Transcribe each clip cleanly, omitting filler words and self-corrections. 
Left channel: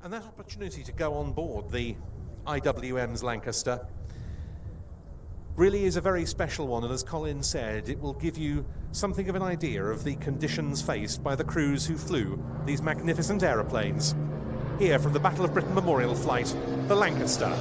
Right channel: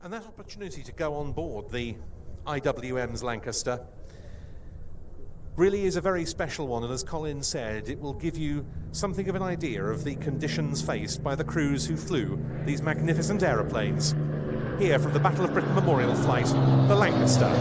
And that opportunity to go on board the IWM's Lancaster really is a very special one, and as Colin said, it will give you something of an idea of the conditions faced by the crews who flew these magnificent aeroplanes. Here from the Battle of Britain Memorial Flight, the Lancaster.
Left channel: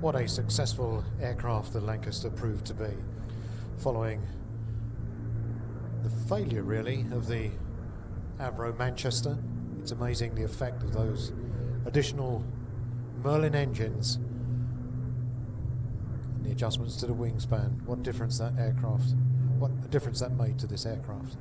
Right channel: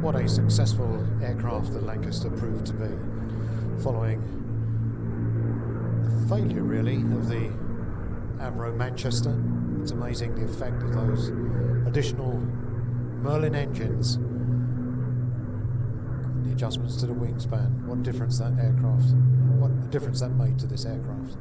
What a successful aircraft the Lancaster proved to be, following the failure really of the Avro Manchester. It's amazing the effect of those additional Merlin engines and the adjustments to the wingspan. What a difference that made to this aircraft.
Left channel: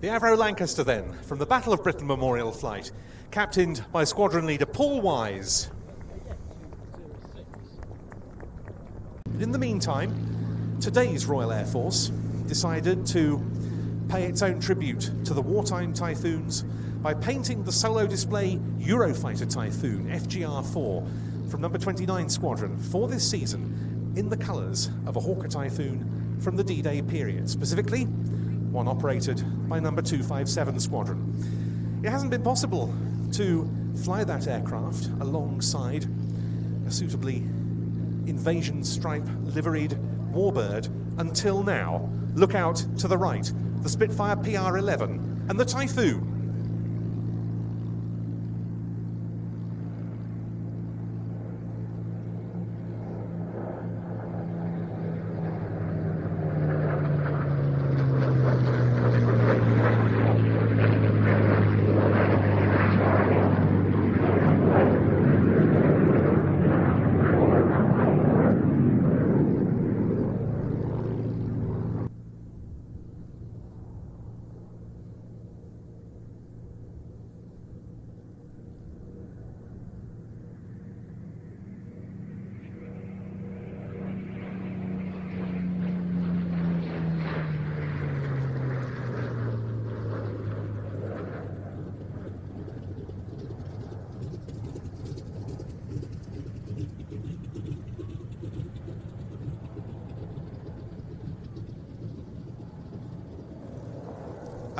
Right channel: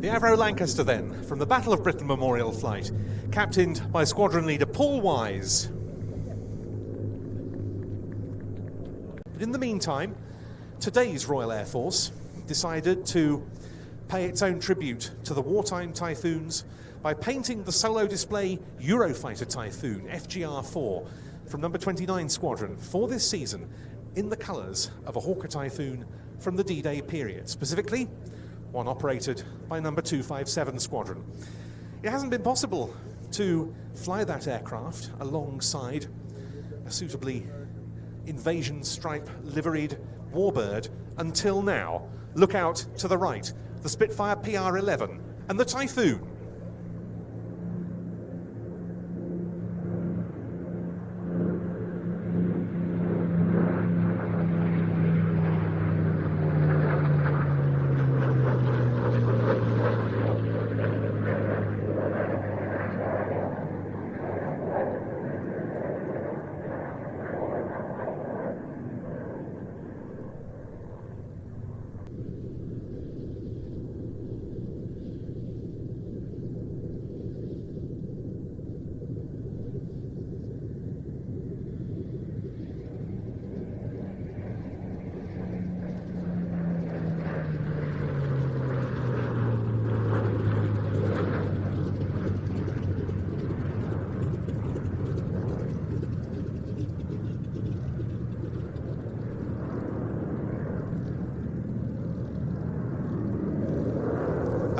The Avro Lancaster then, from the Battle of Britain Memorial Flight, captained by Squadron Leader Paul Wise. But in the meantime, today's Royal Air Force decided to pay its own tribute to the wartime Typhoons by painting the solo display Eurofighter Typhoon FGR-4 from number 29 Squadron for this season in the colours of a Hawker Typhoon from the D-Day period, specifically one operated by number 257 Squadron. It hasn't been possible to fly that aircraft alongside a suitably invasion stripe liveried warbird until now. Look out to the right, the Spitfire PR-11 and the Typhoon.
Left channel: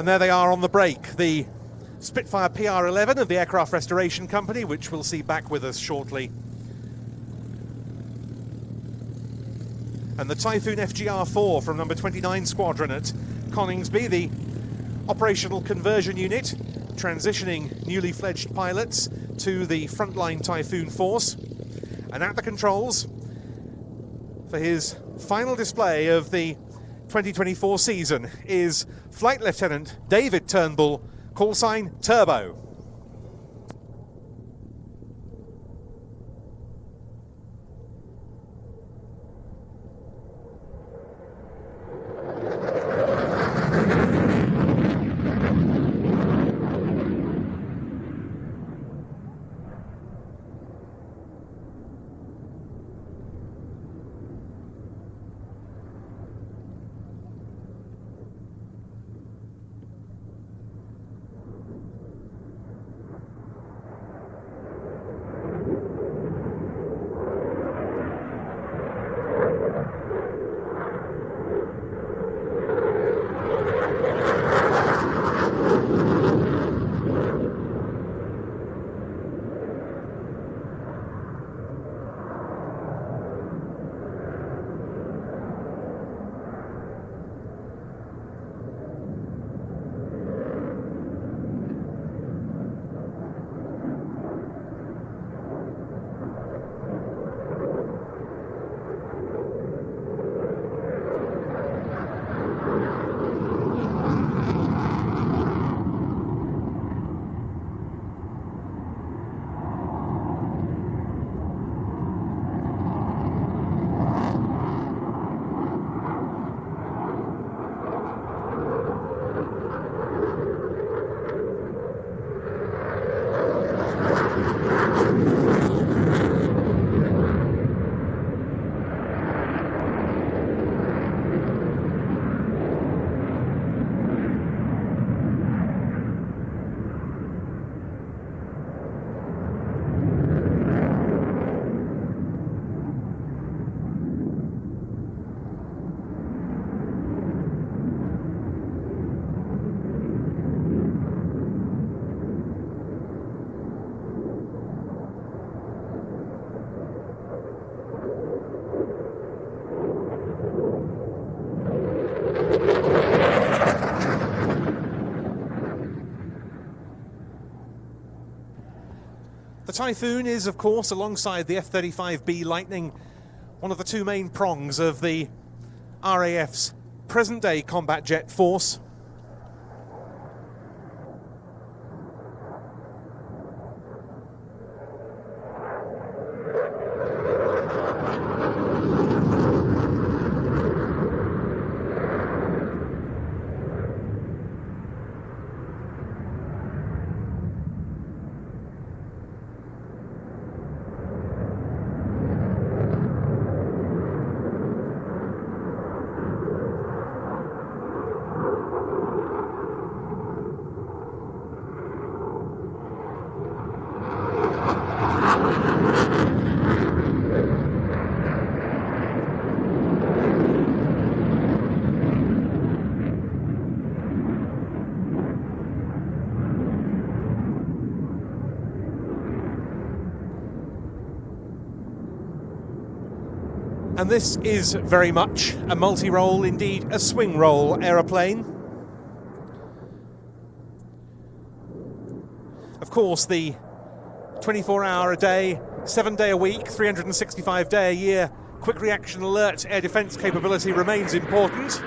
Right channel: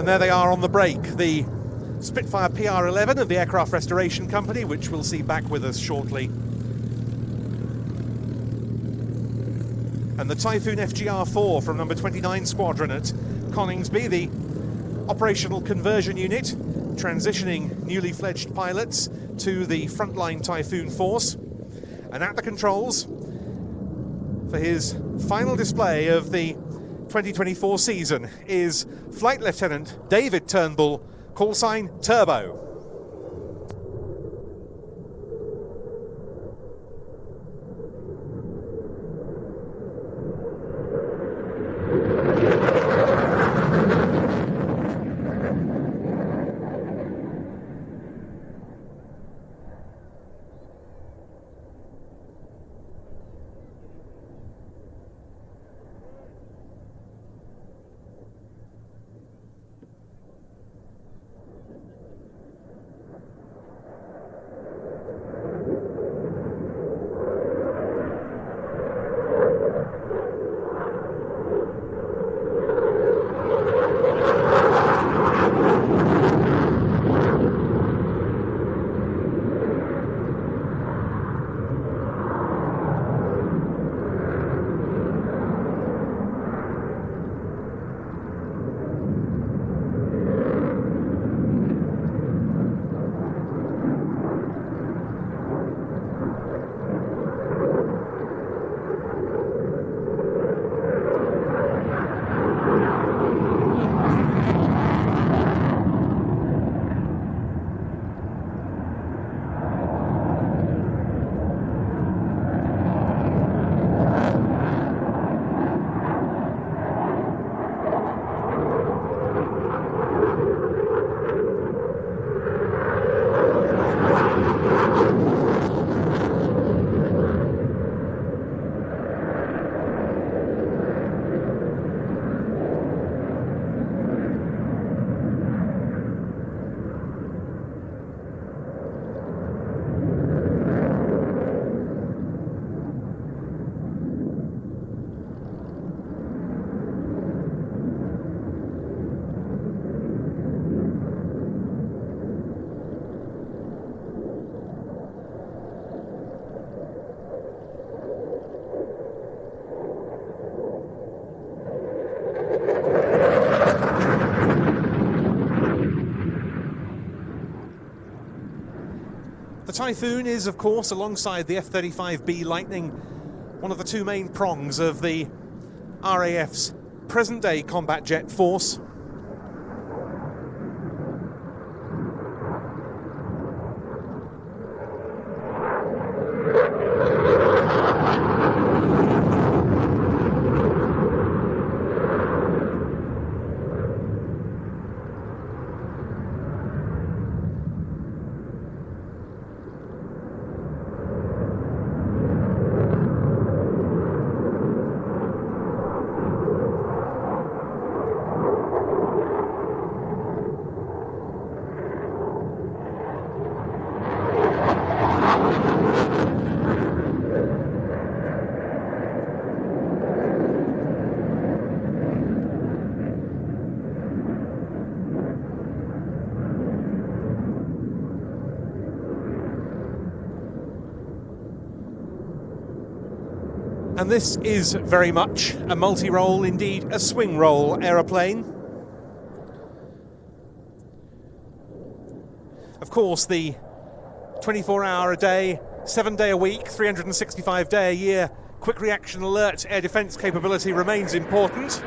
And there they are on the break, the Spitfire PR-11 of the Aircraft Restoration Company, which we'll see back with us shortly. And the Typhoon FGR-4 from number 29 Squadron at Coningsby, the operational conversion unit, transitioning newly fledged pilots to the frontline Typhoon force. And at the controls, for his final display of the 2024 season, is Flight Lieutenant David Turnbull, call sign Turbo. The Typhoon is, of course, alongside the F-35B Lightning, one of the two main prongs of the RAF's present-day combat jet force. And this is very much a multi-role, indeed a swing role aeroplane. Of course, the 24-hour a day, 7-day a week, 365-day a year quick reaction alert air defence capability remains important.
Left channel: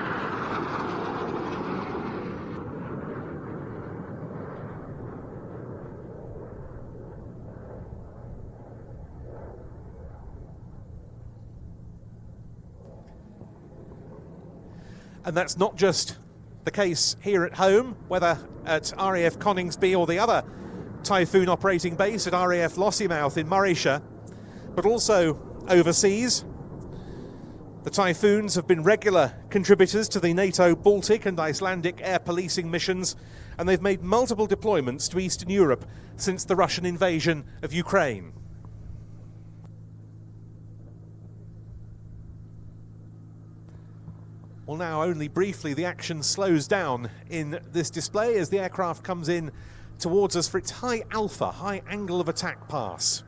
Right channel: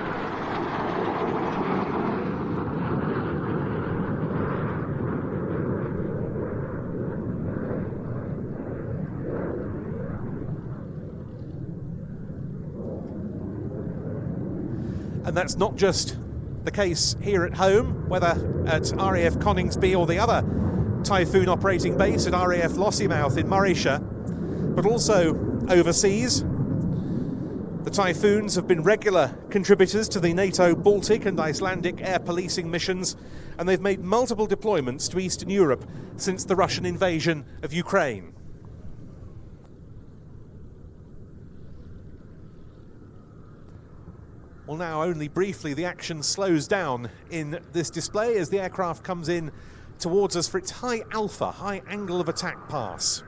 And that's not just the case here at home, whether at RAF Coningsby or the other Typhoon operating base at RAF Lossiemouth in Morayshire, but also overseas. The Typhoons have been regular contributors to the NATO Baltic and Icelandic air policing missions, and they've made multiple deployments to Eastern Europe since the Russian invasion of Ukraine. Well, now only briefly the action slows down in this display as the aircraft comes in towards us for its high alpha, high angle of attack pass.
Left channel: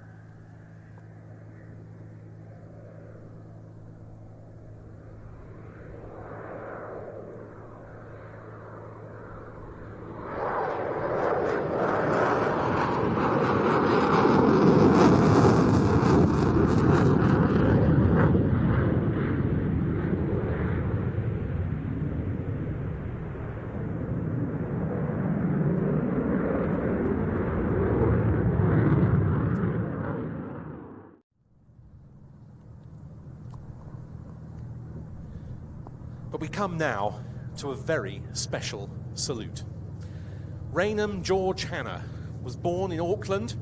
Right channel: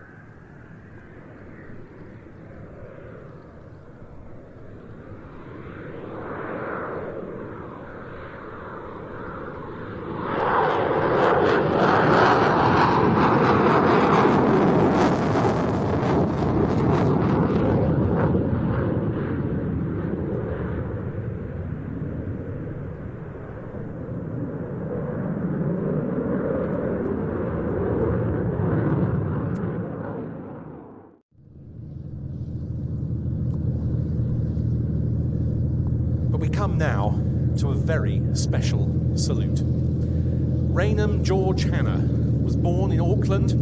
But we come now to a very special salute. Raynham George Hanna was born in Auckland,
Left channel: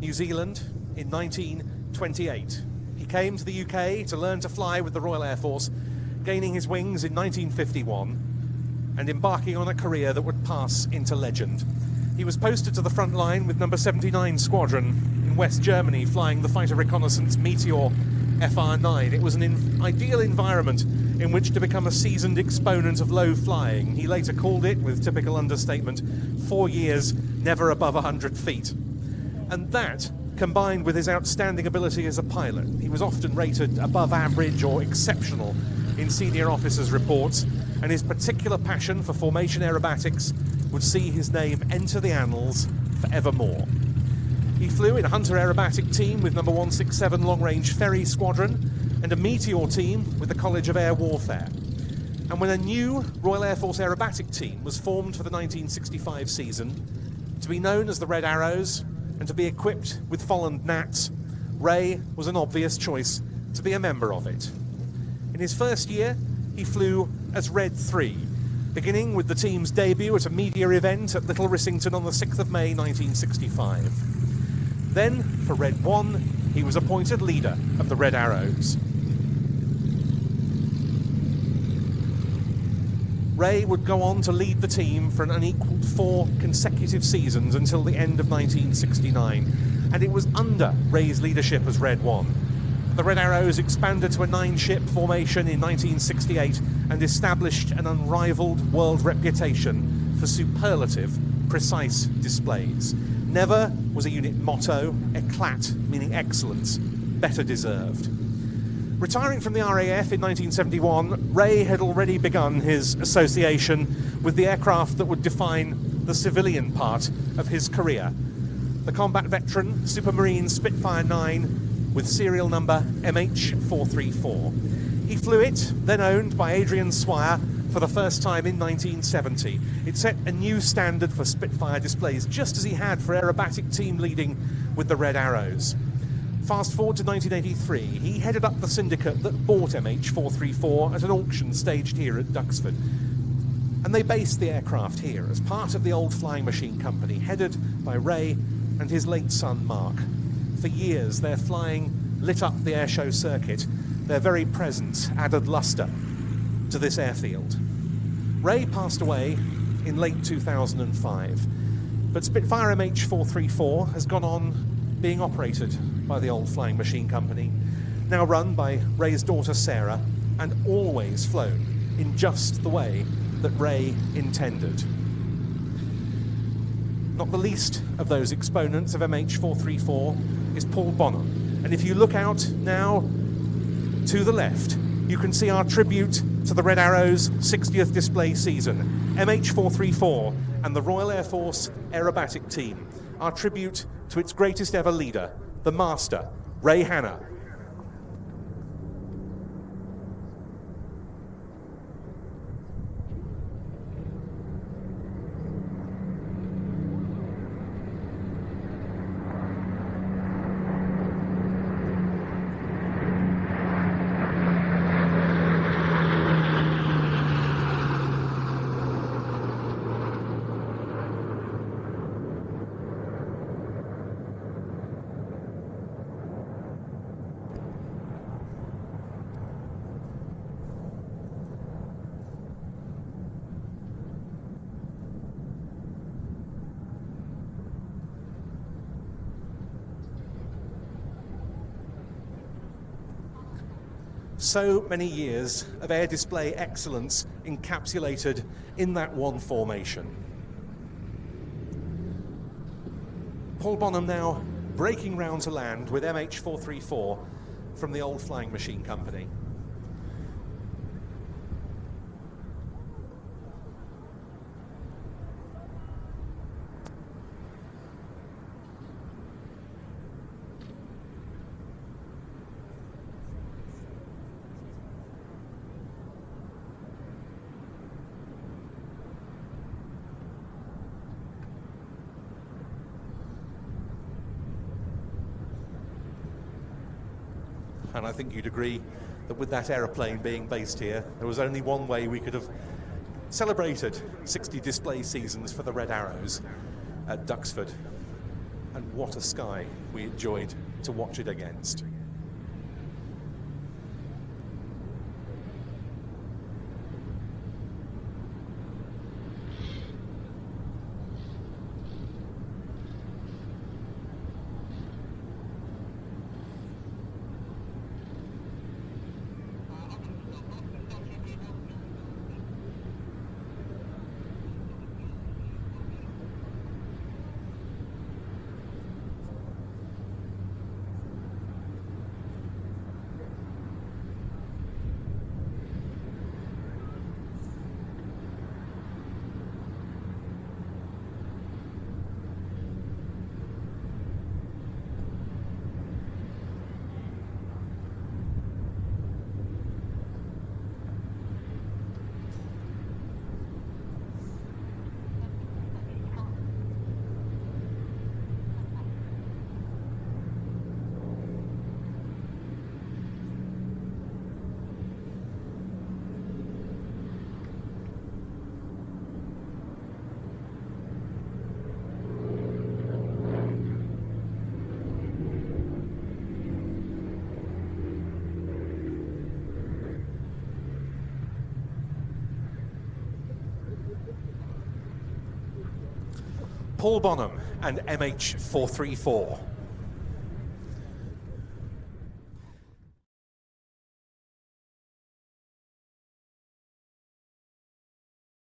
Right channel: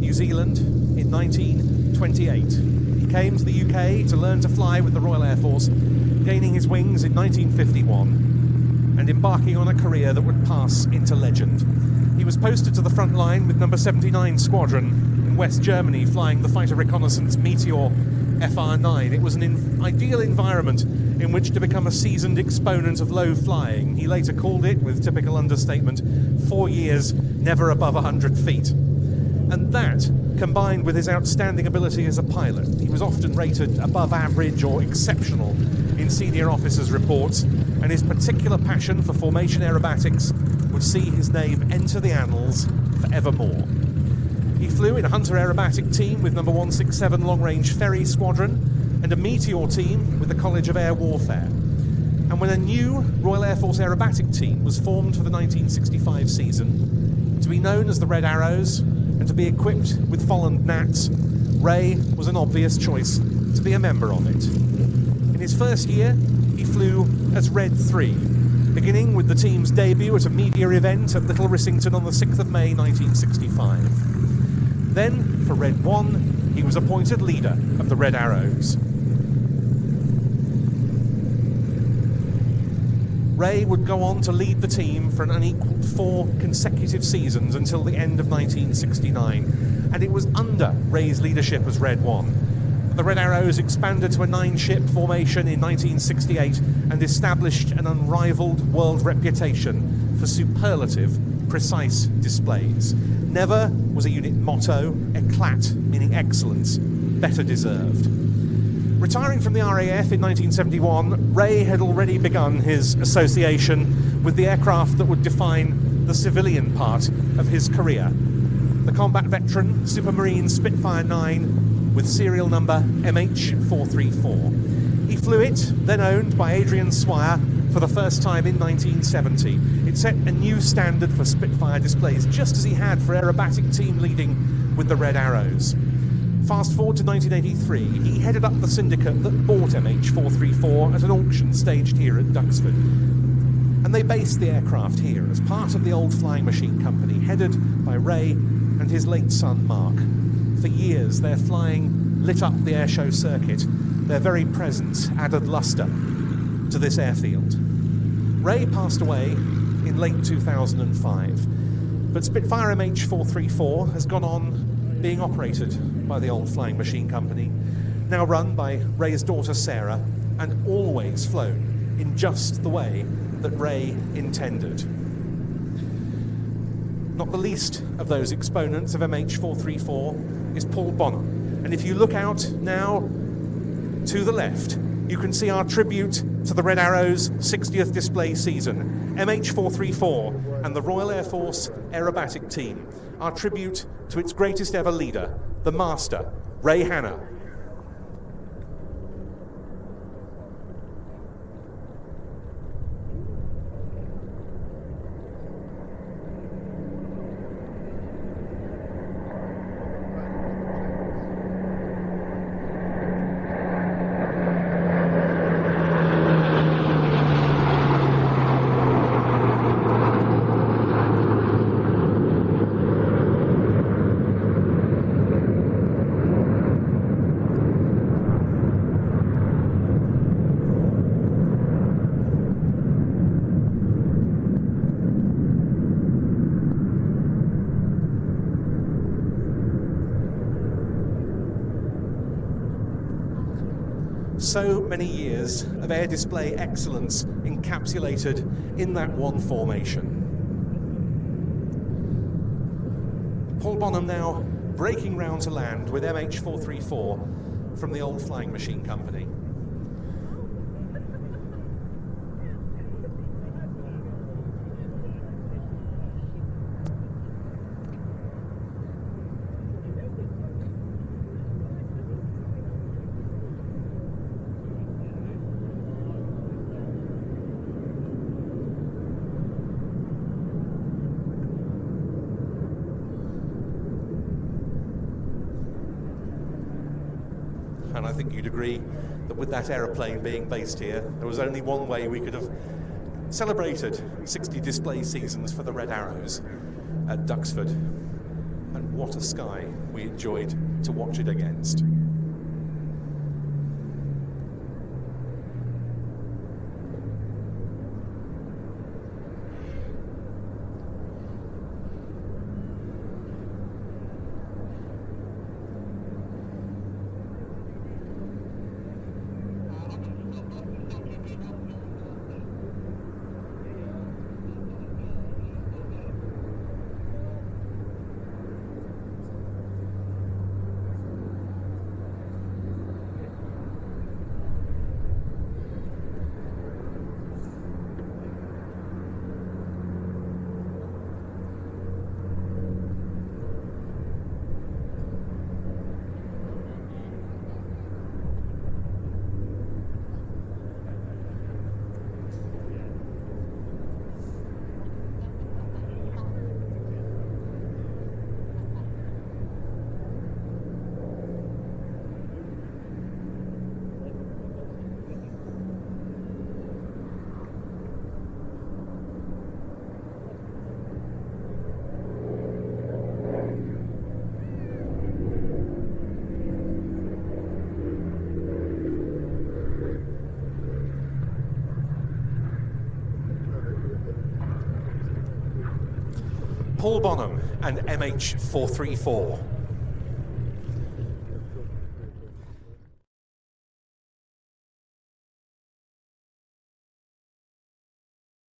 New Zealand in 1928. He came to the UK to learn to fly with the Royal Air Force, gaining his wings in 1951 and embarking on a career that would pass into legend. He was posted to the front line with number 79 Squadron in West Germany, flying the fighter reconnaissance Meteor FR9. It was an ideal environment in which to become a seasoned exponent of low flying. He later called it, with typical understatement, 4 years never above 100 feet. And that, combined with his outstanding ability as a pilot, he was often rated above average or exceptional in senior officers' reports, and his particular passion for formation aerobatics would see his name enter the annals forevermore. He flew in a Hunter aerobatic team with number 167 Long-Range Ferry Squadron and a Meteor team with the College of Air Warfare. And when a new Royal Air Force aerobatic team was formed for the 1965 season, to be known as the Red Arrows and to be equipped with Folland Gnats, Ray was an obvious choice to be a member of it. In his first year, he flew as Red 3, beginning with the team's debut at a media event at Little Rissington on the 6th of May 1965. Then, for Red 1, he was appointed leader of the Red Arrows. Ray would go on to lead the team for an unequalled 4 consecutive seasons until the end of 1969, and it was under Ray's leadership as Red 1. The Red Arrows expanded to a 9-ship formation in 1968 and established an unrivaled world reputation for superlative, precise displays. Never was a unit motto, éclat, meaning excellence, better deserved. Retiring from the RAF in 1971, Ray had already begun his association with the aircraft that would define the civilian part of his career. The combat veteran Supermarine Spitfire 9 with serial number MH434. He flew it, then owned by Adrian Swire, for the first time in 1970. It set a new standard for Spitfire displays, just as he had for aerobatic team leading with the Red Arrows. Fast forward to 1983, he headed up the syndicate that bought MH434 at an auction staged here at Duxford. And they based the aircraft here as part of the old flying machine company, headed by Ray and his late son Mark. For years, their flying lit up the airshow circuit. Their very presence added lustre to this airfield. Ray passed away in late 2005, but Spitfire MH434 has gone on being operated by the old flying machine company, now run by Ray's daughter Sarah, and always flown in just the way that Ray intended. Not the least of those exponents of MH434 is Paul Bonner. And if you look out now To the left, you can see our tribute to the Red Arrow's 60th display season, MH434 and the Royal Air Force Aerobatic Team. Our tribute to its greatest ever leader, the Master, Ray Hanna. So many years of air display excellence encapsulated in that one formation. Paul Bonham now breaking round to land with MH434 from the old Flying Machine Company. And I think you'd agree that with that aeroplane being based here, there was only one way we could have celebrated 60 display seasons for the Red Arrows at Duxford. And what a sky we enjoyed to watch it against. Paul Bonham and MH434.